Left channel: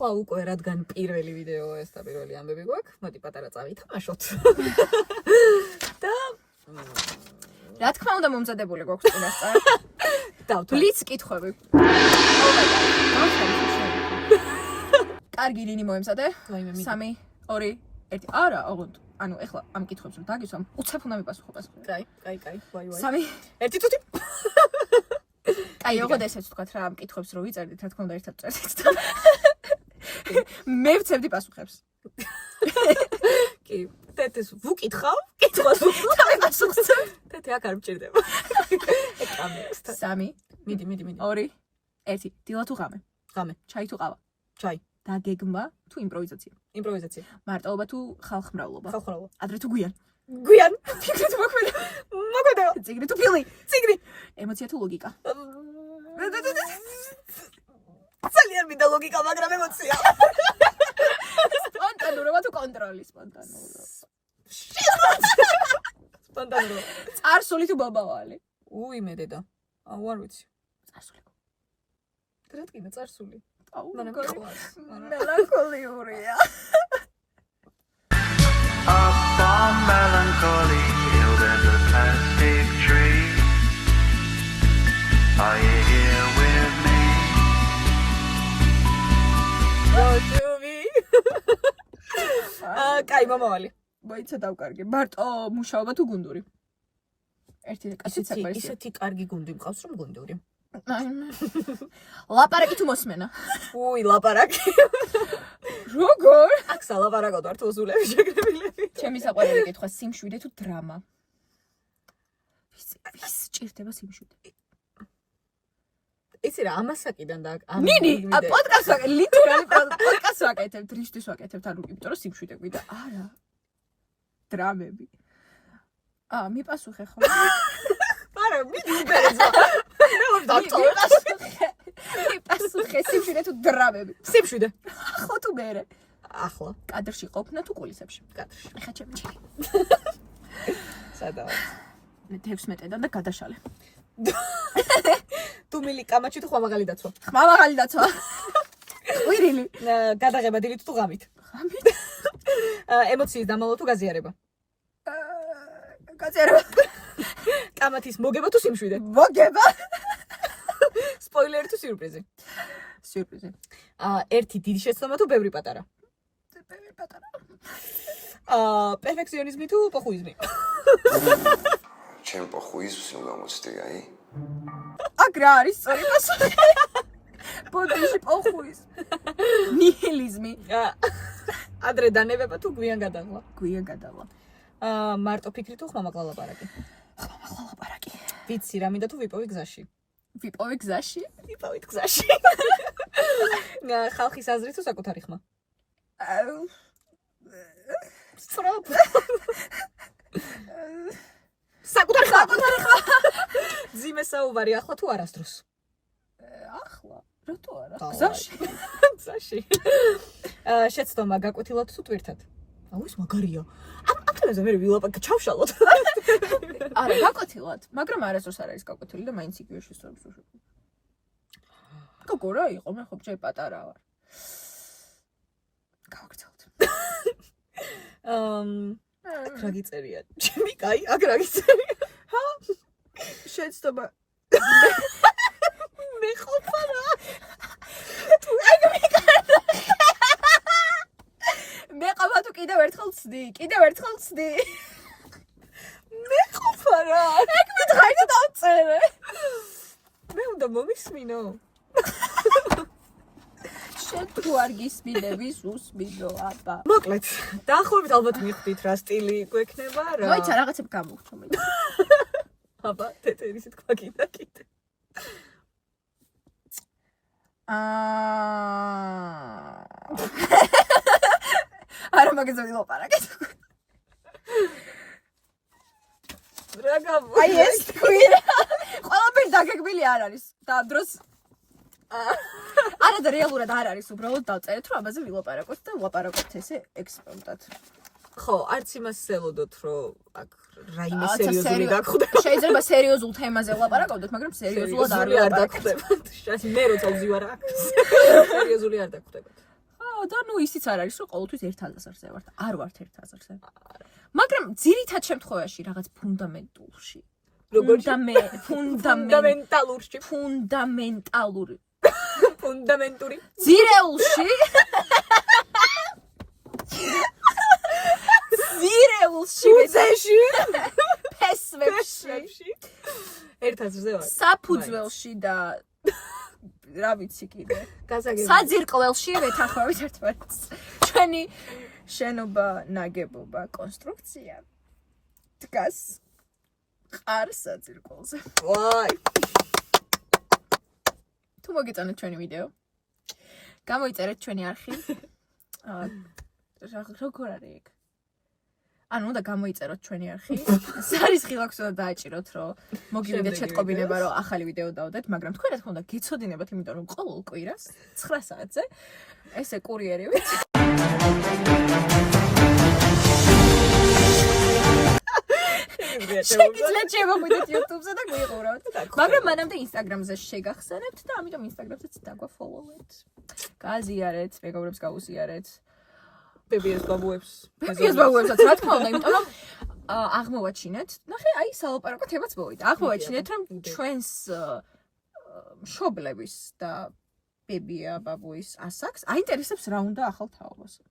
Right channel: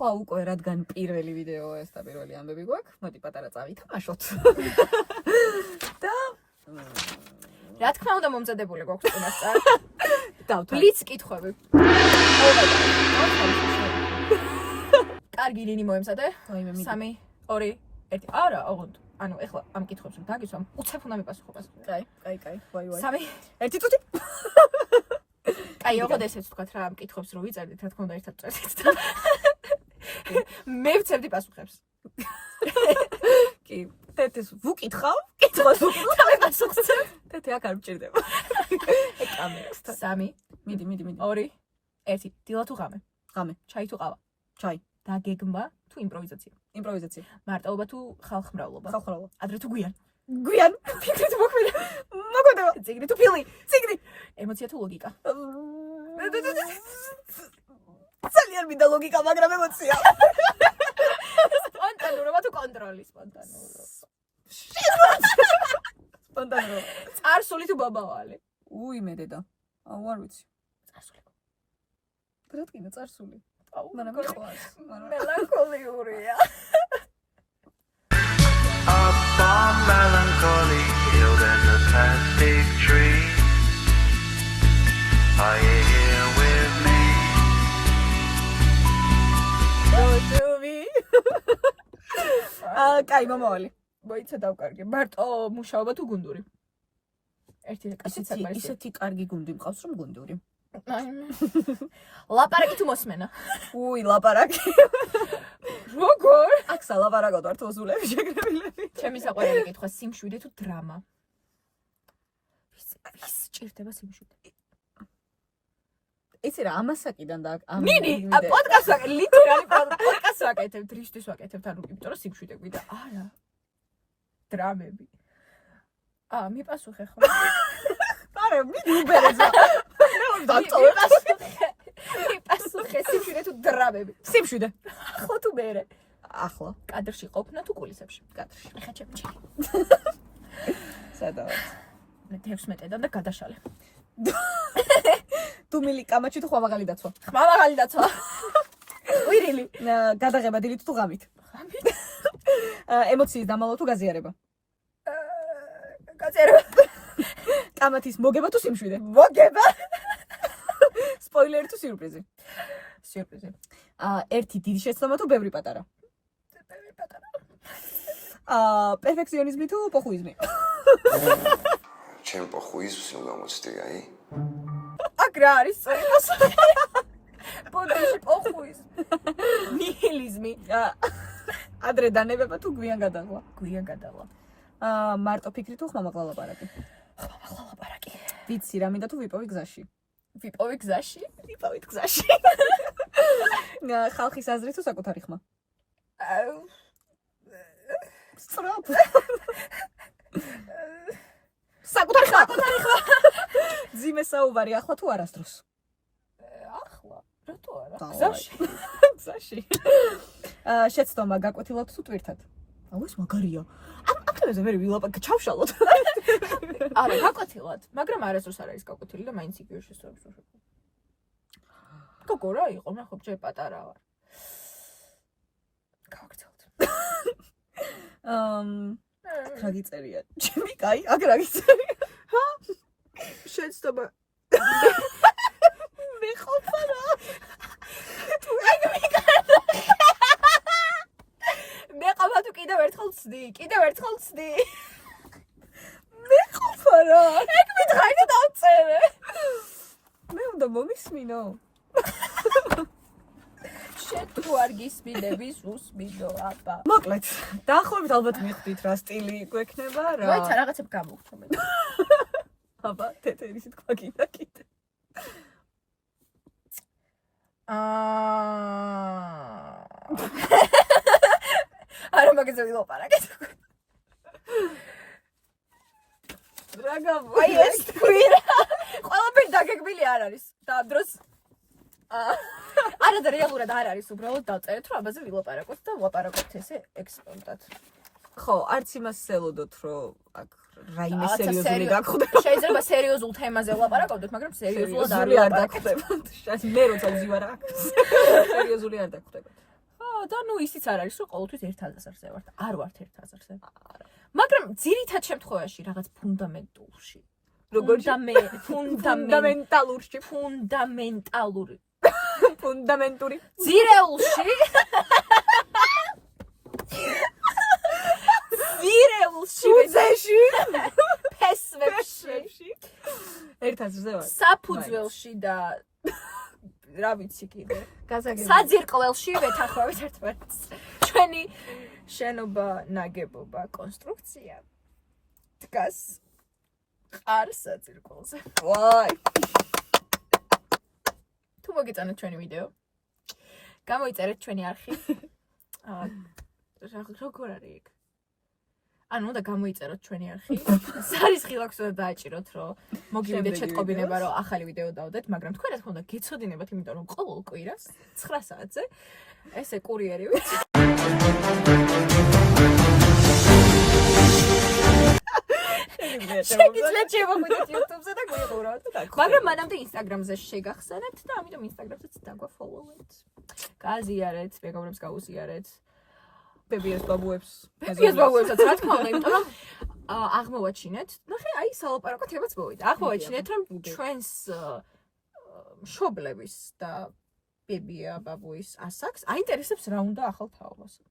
ახლა უკვე რადგან პირველი ვიდეო ეს და პირველი ამბები გვაქვს, მოდი პატარა წავითამაშოთ. და რა თქმა უნდა მომზადებული გვაქვს წინასწარ. ბლიც კითხვები. კარგი ლინი მოემზადე. 3 2 1 არა, ოღონდ. ანუ ეხლა ამ კითხვებს რომ დაგისვამ, უცებ უნდა მიპასუხო. კაი. ვაი. 3 1 წუთი. აი, ოღონდ ესეც ვთქვათ რა, ამ კითხვებს რო ვიწერდით, რა თქმა უნდა ერთად წერდით და მე ვცებდი პასუხებს. კი, თეთრს ვუკითხავ, კითხვას ვუკითხავ და პასუხს ვცემ. თეთრი აქ არ მჭირდება. კამერასთან. 3 მიდი. 2 1 დილა თუ ღამე? ღამე. ჩაი თუ ყავა? ჩაი. დაგეგმა თუ იმპროვიზაცია? იმპროვიზაცია. მარტოობა თუ ხალხმრავლობა? ხალხმრავლობა. ადრე თუ გვიან? გვიან. ფიქრი თუ მოქმედა? მოგოდა. ციგნი თუ ფილმი? ციგნი. ემოცია თუ ლოგიკა? ძალიან მინდა ლოგიკა, მაგრამ ემოცია. სპონტანურობა თუ კონტროლი? სპონტანურობა. სპონტანურობა. წარსული თუ ბაბავალი? მე დედა. არ ვიცი. წარსული. რა თქმა წარსული. მაგრამ მიყვარს. მელანქოლიურია. Up on melancholy hill there's a plastic tree. Are you here with me? კაი, მომავალი. მოიცა დავკარგე. მარტო მუშაობა თუ გუნდური? ერთი კაცი საკვარია. ისეთი კარგი გუნდი მყავს, რომ გუნდური. ლაპარაკი თუ მოსმენა? ლაპარაკი. როგორ? აქ სალაპარაკოდ ვარ თოზულები შეგრებილები. ჩემი საყვარელი კითხვა, სიმშვიდე თუ დრამა? ვის ჭირდება სიმშვიდე? იცი რა, ამასაკიდან და ნინი, პოდკასტს ვაკეთებ, ლიტერალი პოდკასტს ვაკეთებ, დრიშტის ვაკეთებ, ანუ იმიტომ რომ სიმშვიდე გვიდა. არა. დრამები. მიპასუხე ხო? არა, მიდი უბერეზე. მიპასუხე, სიმშვიდე თუ დრამები? სიმშვიდე. ხო თუ მერე? ახლა. კადრში ყოფნა თუ კულისებში? კადრში. ეხა ჩემი. სადაა? მე 16-დან და გადაშალე. დუმილი კამაჩი თუ ხვამაღალი დაცვა? ხმამაღალი დაცვა. ყვირილი. გადაღება დილით თუ ღამით? ღამით. ემოციის დამალვა თუ გაზიარება? გაზიარება. კამათის მოგება თუ სიმშვიდე? მოგება. სპოილერი თუ სიურპრიზი? სიურპრიზი. ერთი დიდი შეცდომა თუ ბევრი პატარა? ბევრი პატარა. პერფექციონიზმი თუ პოხუიზმი? ჩემ პოხუიზმს გამოცდი, აი. აქ რა არის სწორი პასუხი? ბოდიში პოხუიზმი. ნიჰილიზმი. ადრე დანებება თუ გვიან გადაღლა? გვიან გადაღლა. მარტო ფიქრი თუ ხმამაღლა ლაპარაკი? ხმამაღლა ლაპარაკი. ვიცი რა მინდა თუ ვიპოვი გზაში? ვიპოვი გზაში? ვიპოვით გზაში. ხალხის აზრი თუ საკუთარი ხმა? სწრაფ. საკუთარი ხმა. ძიმე საუბარი ახლა თუ არასდროს? ახლა. რატო არა? გზაში. შეცდომა გაკვეთილად თუ ტვირთად? ეს მაგარია. ამ თემაზე მე ვილაპარაკე, ჩავშალოთ. არა, გაკვეთილად, მაგრამ არასდროს არ არის გაკვეთილი და მაინც იგივე შესაძლოა. გოგო რა იყო, მე ხო ჯერ პატარა ვარ. გავაკეთოთ. აქ რა გიწერია? ჩემი კაი, აქ რა გიწერია? შეცდომა. მე ყოფა რა. მე ყავა თუ კიდევ ერთხელ ვცდი. მე ყოფა რა. ეგ მითხარი და დავწერე. მე უნდა მომისმინო. შენ თუ არ გისმინების უსმინო აბა. მოკლედ, დაახლოებით ალბათ მიხვდით რა სტილი გვექნება რა. მოიცა რაღაცებ გამოვხდო მე. აბა, თეთრი თქვა კიდე. არა მაგეცი ლაპარაკეთ. რა გამო? აი ეს კვირა. ყველაფერი დაგეგმილი არ არის. და ამ დროს არა და რეალურად არ არის, უბრალოდ დავწერეთ რომ ამაზე ვილაპარაკოთ და ვლაპარაკოთ ესე ექსპერიმენტად. ხო, არც იმას სელოდოთ რომ აქ რაიმე სერიოზული გაგხვდება. შეიძლება სერიოზულ თემაზე ვლაპარაკობდეთ, მაგრამ სერიოზულად არ დაგხვდება. მე როცა ვზივარ აქ. სერიოზული არ დაგხვდება. და ნუ ისიც არ არის, რომ ყოველთვის 1000-ზე ვართ. არ ვართ 1000-ზე. მაგრამ ძირითად შემთხვევაში რაღაც ფუნდამენტულში. როგორ ფუნდამენტალური ფუნდამენტური ძირეულში უძეში ფესვებში 1000-ზე ვარ. საფუძველში და რა ვიცი კიდე გასაგებია. საძირკველში ვეთანხმებით ერთმანეთს. ჩვენი შენობა ნაგებობა კონსტრუქცია დგას ყარ საძირკველზე. ვაი. თუ მოგიწონეთ ჩვენი ვიდეო, გამოიწერეთ ჩვენი არხი. როგორ არის ეგ? ანუ უნდა გამოიწეროთ ჩვენი არხი. სარის ხილაკს უნდა დააჭიროთ, რომ მოგივიდეთ შეტყობინება, რომ ახალი ვიდეო დავდეთ, მაგრამ თქვენ რა თქმა უნდა გეცოდინებათ, იმიტომ რომ ყოველ კვირას 9 საათზე ესე კურიერივით შეგიძლიათ შევახვიდეთ YouTube-ზე და გვიყურავთ. მაგრამ მანამდე Instagram-ზე შეგახსენებთ და ამიტომ Instagram-ზეც დაგვაფოლოვეთ. გააზიარეთ, მეგობრებს გაუზიარეთ. ბებიას ბაბუებს. ბებიას ბაბუებსაც რა თქმა უნდა, იმიტომ რომ აღმოვაჩინეთ, ნახე, აი სალაპარაკო თემაც მოვიდა. აღმოვაჩინეთ, რომ ჩვენს მშობლების და ბებია ბაბუის ასაკს აინტერესებს რა უნდა ახალ თაობას.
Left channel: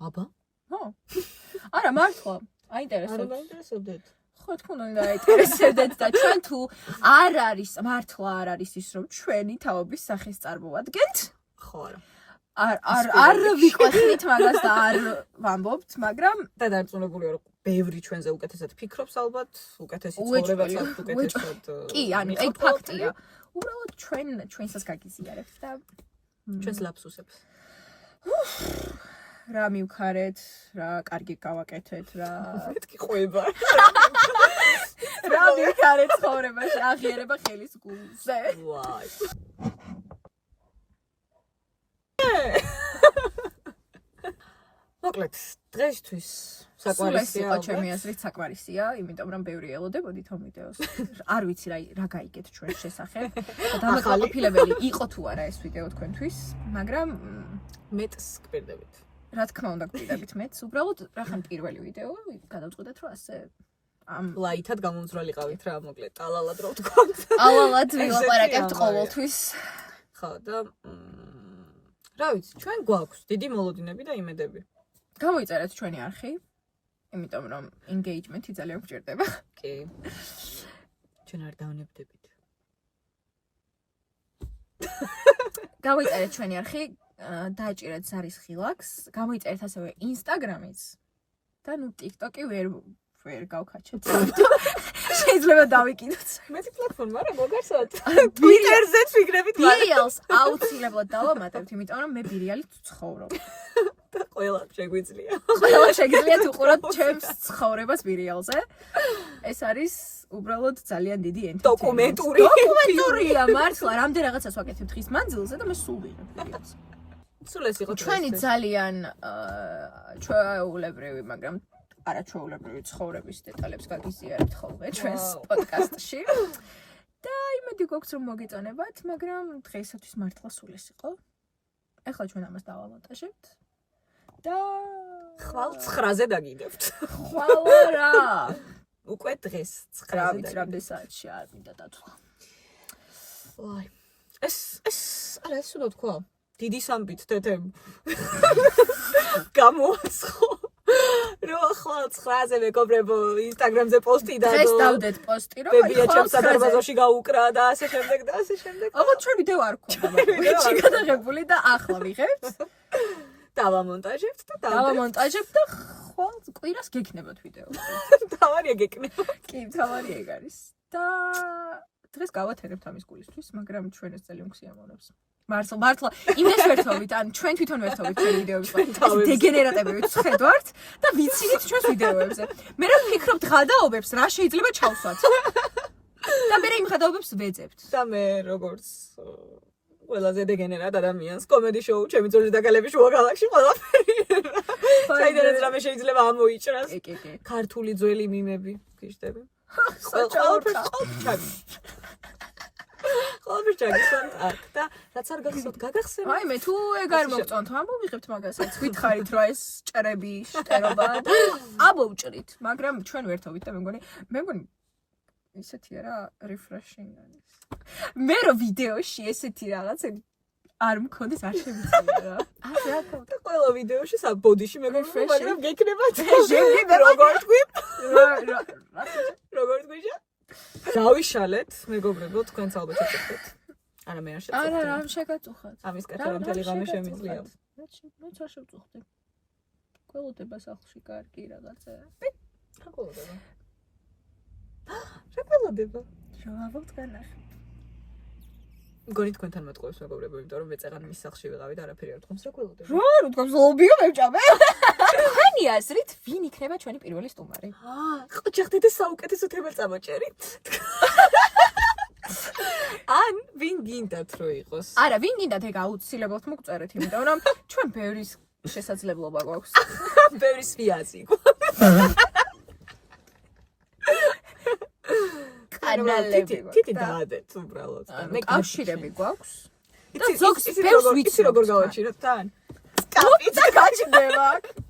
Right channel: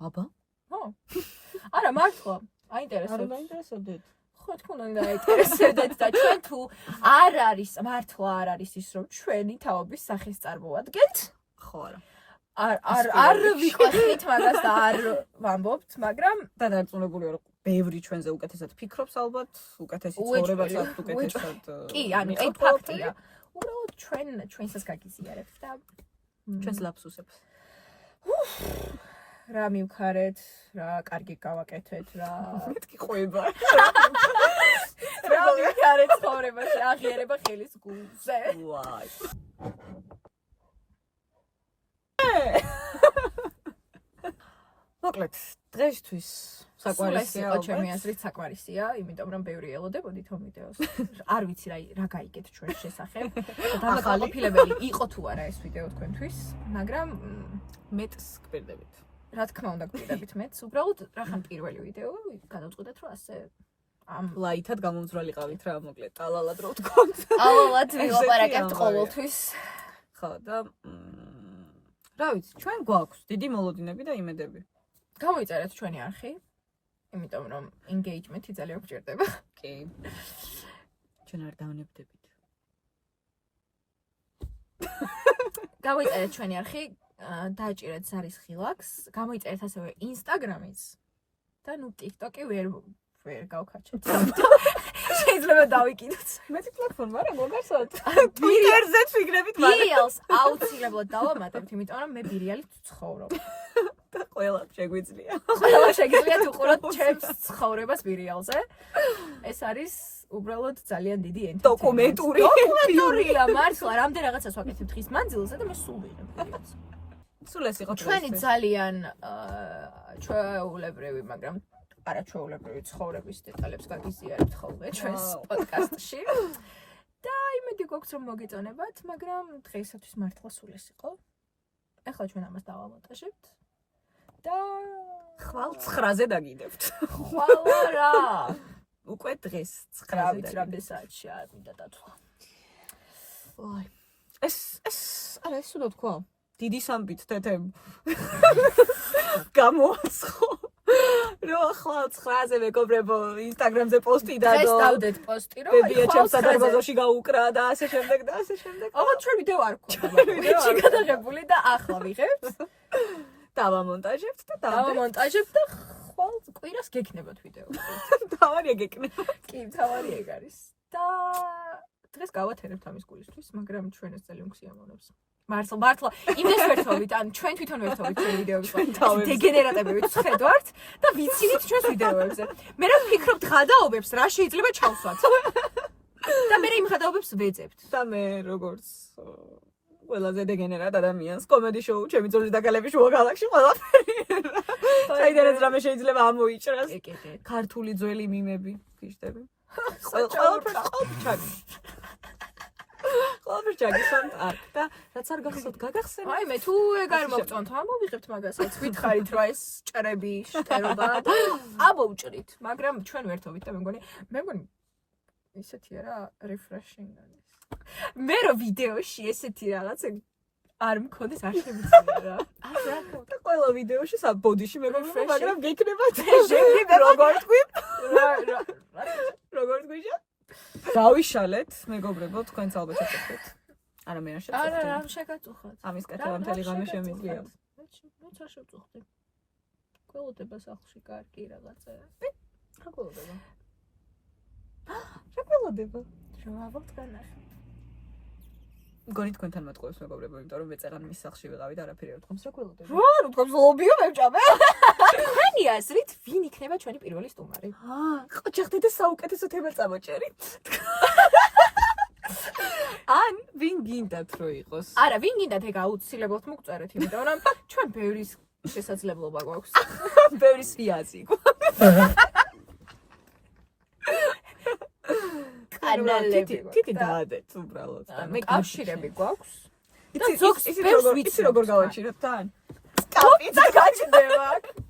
აბა? ხო. არა, მართლა, არ აინტერესებს. დაინტერესებდეთ. ხო, თქო, უნდა აინტერესებდეთ და ჩვენ თუ არ არის, მართლა არ არის ის, რომ ჩვენი თაობის სახეს წარმოადგენთ. ხო არა. არ ვიყვეხით მაგას და არ ვამბობთ, მაგრამ და დარწმუნებულია რომ ბევრი ჩვენზე უკეთესად ფიქრობს ალბათ, უკეთესი ცხოვრებაც აქვს, უკეთესად. კი, ანუ ეგ ფაქტია. უბრალოდ ჩვენსაც გაგიზიარებთ და ჩვენს ლაფსუსებს. რა მივქარეთ, რა კარგი გავაკეთეთ, რა მეთქი ყვება. რა მივქარეთ ცხოვრებაში, აღიარება ხელის გულზე. ვაი. მოკლედ, დღეისთვის საკვარისია. იყო ჩემი აზრით საკვარისია, იმიტომ რომ ბევრი ელოდებოდით ამ ვიდეოს. არ ვიცი რა გაიგეთ ჩვენს შესახებ. დამაკმაყოფილებელი იყო თუ არა ეს ვიდეო თქვენთვის, მაგრამ მეტს გპირდებით. რა თქმა უნდა გპირდებით მეც, უბრალოდ რახან პირველი ვიდეო გადავწყვიტეთ რომ ასე ამ ლაითად გამომძვრალიყავით რა, მოკლედ, ტალალად რო ვთქვათ. ალალად ვილაპარაკებთ ყოველთვის. ხო და რა ვიცი, ჩვენ გვაქვს დიდი მოლოდინები და იმედები. გამოიწერეთ ჩვენი არხი, იმიტომ რომ engagement-ი ძალიან გვჭირდება. კი. ჩვენ არ დავნებდებით. გამოიწერეთ ჩვენი არხი, დააჭირეთ ზარის ხილაკს, გამოიწერეთ ასევე Instagram-იც და ნუ TikTok-ი ვერ გავქაჩეთ. შეიძლება დავიკიდოთ. მეტი პლატფორმა რა მოგარსოთ? Twitter-ზეც ვიგრებით მალე. ბირიალს აუცილებლად დავამატებთ, იმიტომ რომ მე ბირიალით ვცხოვრობ. ყველა შეგვიძლია. ყველა შეგიძლიათ უყუროთ ჩემს ცხოვრებას ბირიალზე. ეს არის უბრალოდ ძალიან დიდი entertainment. დოკუმენტურია, მართლა, რამდენ რაღაცას ვაკეთებ დღის მანძილზე და მე სულ ვიღებ ბირიალს. სულ ეს იყო ჩვენი ძალიან ჩვეულებრივი, მაგრამ არაჩვეულებრივი ცხოვრების დეტალებს გაგიზიარებთ ხოლმე ჩვენს პოდკასტში. და იმედი გვაქვს რომ მოგეწონებათ, მაგრამ დღეისათვის მართლა სულ ეს იყო. ეხლა ჩვენ ამას დავამონტაჟებთ. და ხვალ 9-ზე დაგიდებთ. ხვალ რა. უკვე დღეს 9-ზე რა ვიცი რამდენ საათში არ მინდა დათვალ. ვაი. არა ეს უნდა თქვა. დიდი სამბით თეთემ. გამოაცხო. რო ხვალ 9-ზე მეგობრებო Instagram-ზე პოსტი დადო. დღეს დავდეთ პოსტი რომ ბებია ჩემს სადარბაზოში გაუკრა და ასე შემდეგ და ასე შემდეგ. ოღონდ ჩვენ ვიდეო არ გვქონდა. ვიჩი გადაღებული და ახლა ვიღებთ. დავამონტაჟებთ და დავამონტაჟებთ და ხვალ კვირას გექნებათ ვიდეო. თავარია გეკნება. კი, თავარი ეგ არის. და დღეს გავათერებთ ამის გულისთვის, მაგრამ ჩვენ ეს ძალიან გვსიამოვნებს. მართლა იმას ვერთობით, ან ჩვენ თვითონ ვერთობით ჩვენ ვიდეოებს. დეგენერატები ვიხედავთ და ვიცინით ჩვენს ვიდეოებზე. მე რა ვფიქრობ ღადაობებს, რა შეიძლება ჩავსვათ. და მე იმ ღადაობებს ვეძებთ. და მე როგორც ყველაზე დეგენერატ ადამიანს კომედი შოუ ჩემი ძოლის დაკალების შუა გალაქსში ყველაფერი. საიდანაც რამე შეიძლება ამოიჭრას. ქართული ძველი მიმები, გიჟდები. ყველაფერი ყველაფერს ჯაგისვანთ აქ და რაც არ გახსოვთ გაგახსენოთ. აი მე თუ ეგ არ მოგწონთ, ამოვიღებთ მაგასაც. ვითხარით რა ეს ჭრები შტერობა და ამოვჭრით, მაგრამ ჩვენ ვერთობით და მე მგონი ისეთი რა refreshing არის. მე რო ვიდეოში ესეთი რაღაც არ მქონდეს არ შემიძლია რა. აი რა და ყველა ვიდეოში საბოდიში მეგობრებო, მაგრამ გექნება შეიძლება როგორ თქვი? რა როგორ თქვია? დავიშალეთ, მეგობრებო, თქვენც ალბათ შეწუხდეთ. არა მე არ შეწუხდი. არა, რა შეგაწუხათ. ამის კეთება მთელი ღამე შემიძლია. მეც არ შევწუხდი. ყველოდება სახლში კარგი რაღაცა. რა ყველოდება? რა ყველოდება? შევავთ განახი. მგონი თქვენთან მატყუებს მეგობრებო, იმიტომ რომ მეწეღან მის სახლში ვიყავი და არაფერი არ თქვა, რა ყველოდება? რა თქვა ზლობიო მევჭამე. თქვენი აზრით ვინ იქნება ჩვენი პირველი სტუმარი? ყოჩახდე და საუკეთესო თემა წამოჭერი. ან ვინ გინდათ რომ იყოს? არა, ვინ გინდათ ეგ აუცილებლად მოგწერეთ, იმიტომ რომ ჩვენ ბევრის შესაძლებლობა გვაქვს. ბევრი სვიაზი გვაქვს. კანალები. თითი დაადეთ უბრალოდ. მე კავშირები გვაქვს. და იცი ზოგს იცი ბევრს როგორ ვიცნობ. როგორ გავაჩინოთ თან? კაპიტა გაჩნდება.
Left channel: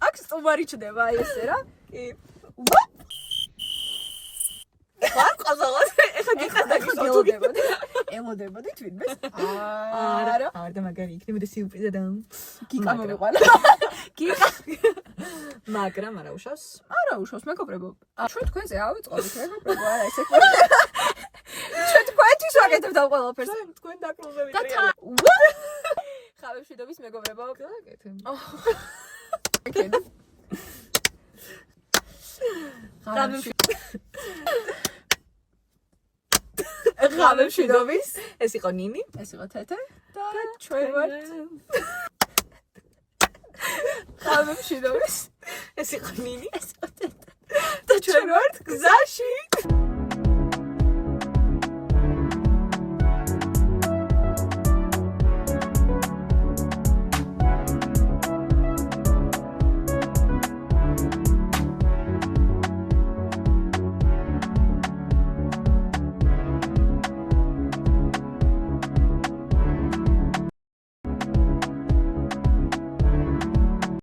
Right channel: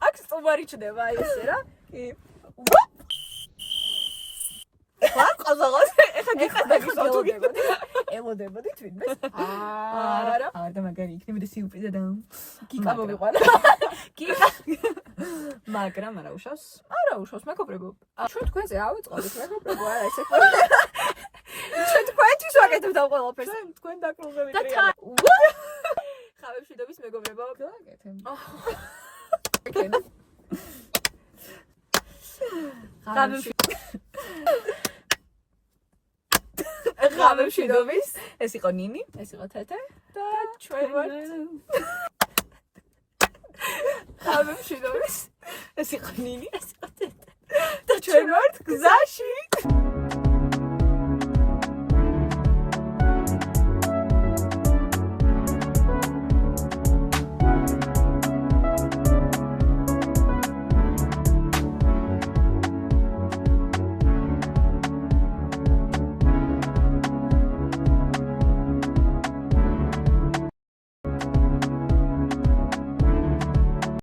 აქ სტუმარი ჩნდება აი ესე რა. კი. ვარ ყაზაღოთ. ეხა გიხარდა გისავთ. ელოდებოდით ვინმეს? არა. არა და მაგარი იქნებოდა სიურპრიზა და გიკა მომიყვანა. გიკა. მაგრამ არა უშავს. არა უშავს მეგობრებო. ჩვენ თქვენზე ავეწყობთ მეგობრებო, არა ესე. ჩვენ თქვენთვის ვაკეთებთ ამ ყველაფერს. თქვენ დაკლუზე და ვიტრიალა. ხავებშვიდობის მეგობრებო. გააკეთე. ხავებშვიდობის. ეს იყო ნინი. ეს იყო თეთე და ჩვენ ვართ ხავებშვიდობის. ეს იყო ნინი. ეს იყო თეთე და ჩვენ ვართ გზაში.